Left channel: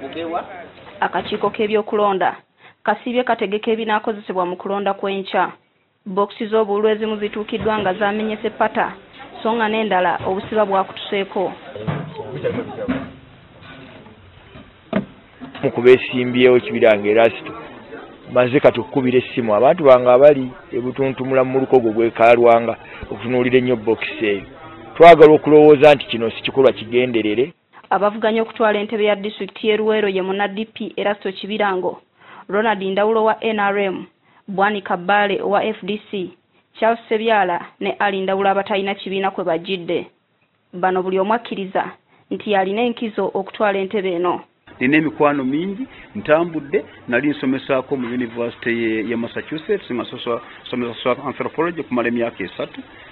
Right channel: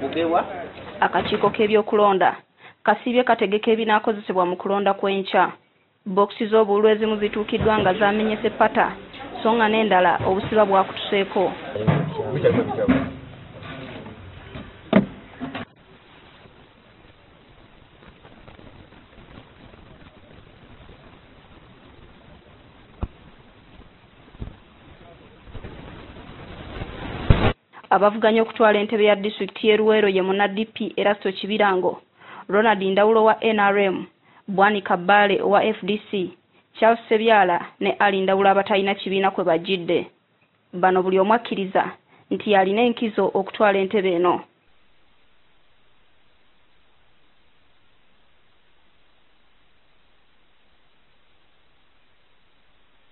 bugewa. Akakiiko k'ebyokulonda kasibye kategeka ebinaakozesebwa mu kulonda kw'enkya. Boxi z'obululu ezimu zituukiddwa nga zaamenyese pata so nga n'endala obusiba bwakutuseeko. Mukubeesimbyewo Kibiranga Erasito maze kati okukubira essimu abantu bange abali ebutuntumula mu lukogo gw'ekalwanga okutunuulira ennyo boxi eyo. Twagala okulowooza nti kino si kikolwa kigenderere. Abavuganya okutwala entebe ya disitulikiti y'e Luweero ye muna DP Erasto Kibirango, Ronald Ndawulo wa NRM, Bwani Kabale wa FDC, Charles Sebyala ne Ali Ndawulo abatalina kibiina kwe bajjidde. Bano buli omu akkiriza nti yalina enkizo okutwala entebe eno. Nina emikwano mingi ntambudde nali nsomesaako mu University ya Massachusetts nga somesa anthropology kumala emyaka 3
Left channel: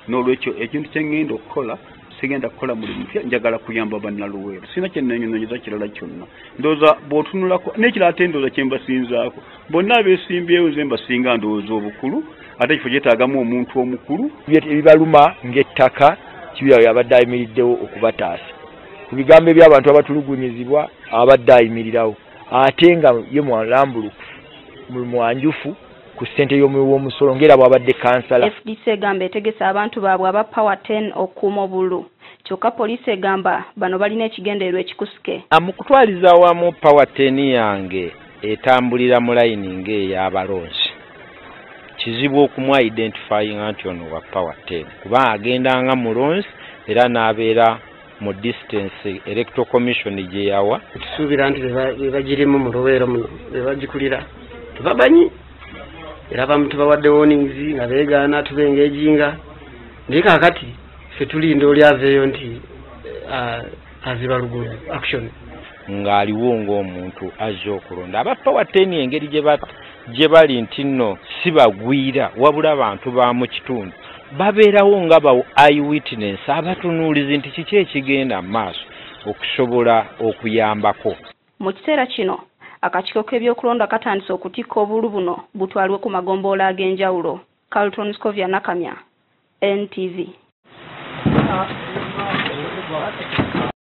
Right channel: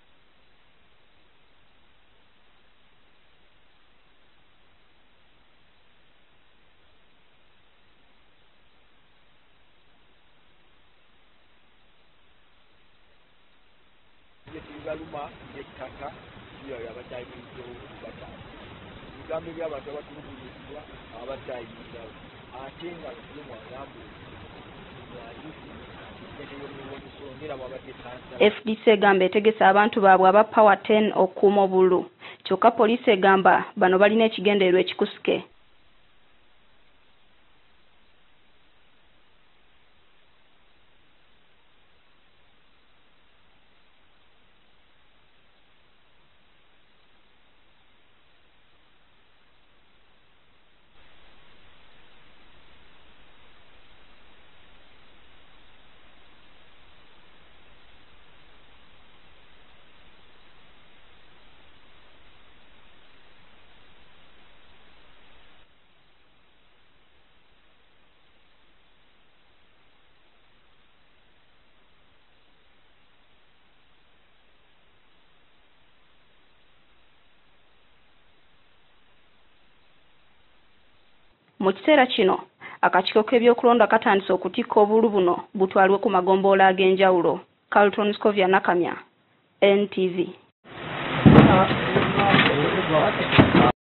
n'olwekyo ekintu kye ngenda okukola sigenda kukola mulimu mpya njagala kuyamba bannaluweero sina kyennenyonyoza kirala kyonna ndowooza bw'otunulako n'ekirala ate ndowooza kye mbasinzaako bonna abeesimbyewo nze mbasinga ndowooza obukulu ate ekifo kyetaagamu omuntu omukulu ebibaluma ng'ettaka Kibira yabadde ayimiriddewo okubataasa ku bigambo by'abantu abatulugunyizibwa abadde ayimirirawo ate nga ye mwalambulukufu mwanjufu ku ssente y'omusolo ng'era bw'abadde kansala. FDC egamba etegesa abantu baabwe aba Power 10 okuuma obululu kyokka poliisi egamba bano balina ekigendererwa ekikusuke. Mu kutwaliza wamu Power 10 yange etambulira mu layini ng'ey'abalonzi kizibu okumu identifying nti ono wa Power 10 kuba agendanga mulonzi era n'abeera mu distance electoral commission gye yawa. Tusuubira nti bebagirimu mu Luweero muno bebagikulira tebabanyi era abamu tubawadde warnings nga beegaana tubengejinga naye kaakati ffe tulinda oli aveeyo nti aziba luguudo action ng'aliwo ng'omuntu azze okulonda. Aba Power 10 engeri gye bali nti nno si bagwira wabula abantu ba mu kitundu babeerawo nga ba eyewitness abatunuulizi nti kiki ekigenda mu maaso okusobola okuyambako. Mu kiseera kino akakiiko k'ebyokulonda katandise okutikka obululu buno butwalwe ku magombolola ag'enjawulo. Carlton Scovia Nakamya, NTV.